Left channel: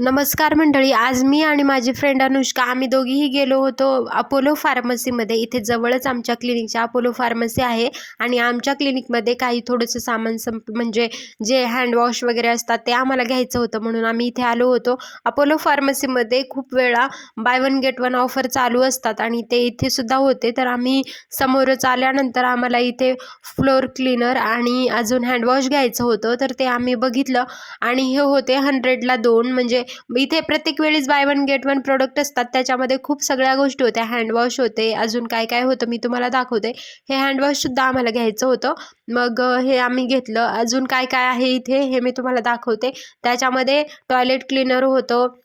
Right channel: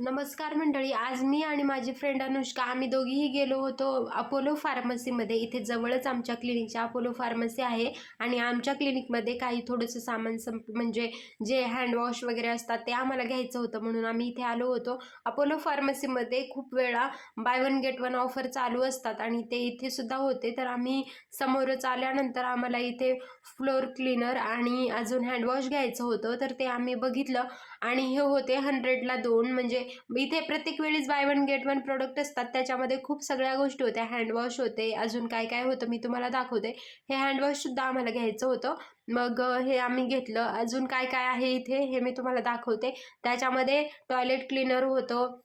नमस्कार मंडळी. आज मी आणि माझी फ्रेंड अनुष्का आम्ही दोघीही गेलो होतो अपोलो फार्मसीमध्ये. इथे जवळच आमच्या क्लिनिकच्या अपोलो फार्मसी आहे आणि आमच्या क्लिनिकमध्ये काही थोडंसं सामान म्हणजे जे हँडवॉश वगैरे असतात ते आम्हाला घ्यायचं होतं, म्हणून आम्ही इथे आलो होतो. अपोलो फार्मसीमध्ये खूप वेळा by one get one offer चालू असतात आणि ते इथे सुद्धा होते. तर आम्ही समोरच आल्यानंतर आम्हाला इथे फ्लोर क्लीनर आणि अजून हँडवॉश घ्यायचं होतं, तर ते आम्ही बघितलं आणि हे होते 100ला 2. म्हणजे इथे प्रत्येक वेळेस by one get one product असतात, त्याच्यामध्ये खूप सगळ्या गोष्टी होत्या. हँडवॉश होते, अजून काय काय होतं मी तुम्हाला दाखवते. हे हँडवॉशसुद्धा आम्हाला घ्यायचं होतं, मग हे आम्ही घेतलं. अजून काय काय आहे इथे हे मी तुम्हाला दाखवते. त्याच्यामध्ये टॉयलेट क्लीनर होतं,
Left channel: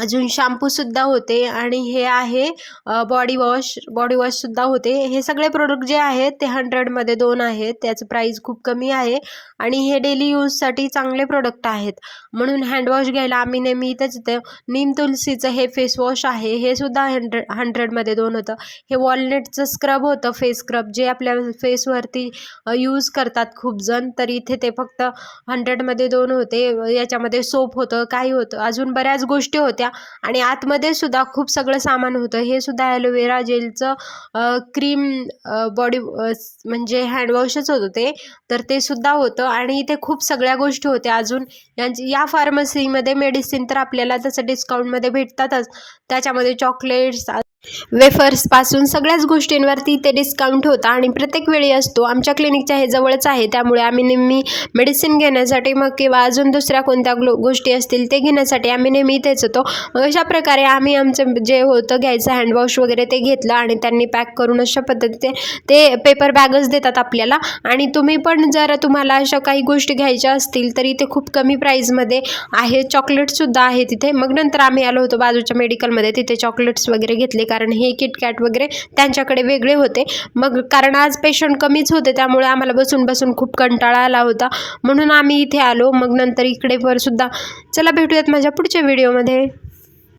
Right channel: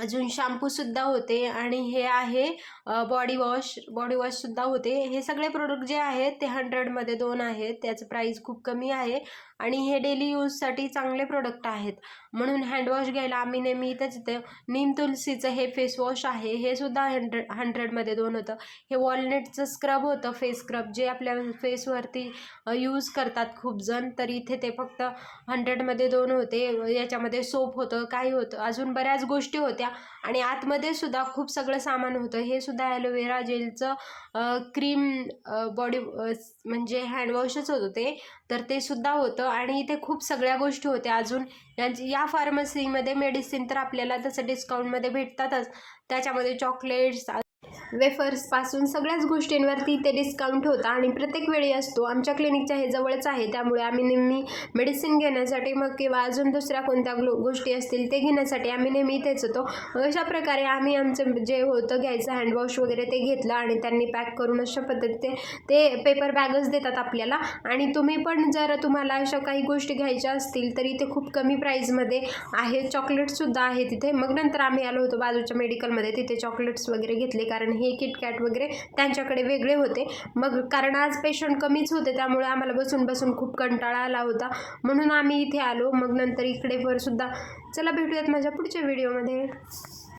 अजून शॅम्पूसुद्धा होते आणि हे आहे बॉडी वॉशसुद्धा होते. हे सगळे प्रोडक्ट जे आहेत ते 100मध्ये 2 आहेत. त्याचं प्राईस खूप कमी आहे आणि हे डेली यूजसाठी चांगले प्रोडक्ट आहेत, म्हणून हँडवॉश घ्यायला आम्ही नेहमी इथंच येतो. नीम तुलसीचं हे फेसवॉश आहे, हे सुद्धा 100मध्ये 2 होतं. हे वॉलनटचं स्क्रब होतं, फेस स्क्रब, जे आपल्या फेसवरती यूज करतात खूप जण, तर इथे ते फक्त 100मध्ये 2 होते. याच्यामध्ये सोप होतं, काही होतं, अजून बऱ्याच गोष्टी होत्या आणि आतमध्ये सुद्धा खूप सगळं सामान होतं. हे सुद्धा ॲलोवेरा जेलचं क्रीम बॉडी म्हणजे हँडवॉशच होतं ते, तर ते सुद्धा होतं आणि इथे खूप सगळ्या गोष्टी होत्या. अजून या फार्मसीमध्ये मेडिसिन तर आपल्याला तसं डिस्काउंटमध्ये भेटतातच. त्याच्यामध्ये चॉकलेट्स, वेफर्सपासून सगळ्याच गोष्टींवरती ते डिस्काउंट होता आणि प्रत्येक वेळी असतो. आमच्या क्लिनिकच्या हे जवळच आहे, त्यामुळे आम्ही नेहमी मेडिसिन घेण्यासाठी मग किंवा अजून दुसऱ्या कोणत्या गोष्टी असतील ते घेण्यासाठी आम्ही नेहमी इथेच होतो. अशा प्रकारे आम्ही आमचं जे होतं घ्यायचं हँडवॉश वगैरे ते घेतलं आणि त्यांनी पॅक करून अशा पद्धतीने ते पेपर बॅगच देतात आपल्याला. आणि तुम्ही पण जर तुम्हाला अशा काही गोष्टी घ्यायच्या असतील तर इथे खूप कमी प्राईजमध्ये आहे. चॉकलेट्ससुद्धा आहे तिथे. मग नंतर आम्ही आलो होतो बाजूच्या मेडिकलमध्ये, तिथे चॉकलेट्स वगैरे घेतले, कारण हे किटकॅट वगैरे त्यांच्याकडे वेगळे होते. मग कारण आज पेशंट कमीच होते, त्यामुळे आम्हाला बसून बसून खूप कंटाळा आला होता, म्हणून आम्ही इथे आलो. मग नंतर इकडे वर सुद्धा. चला भेटूयात माझ्या पुढच्या व्हिडिओमध्ये.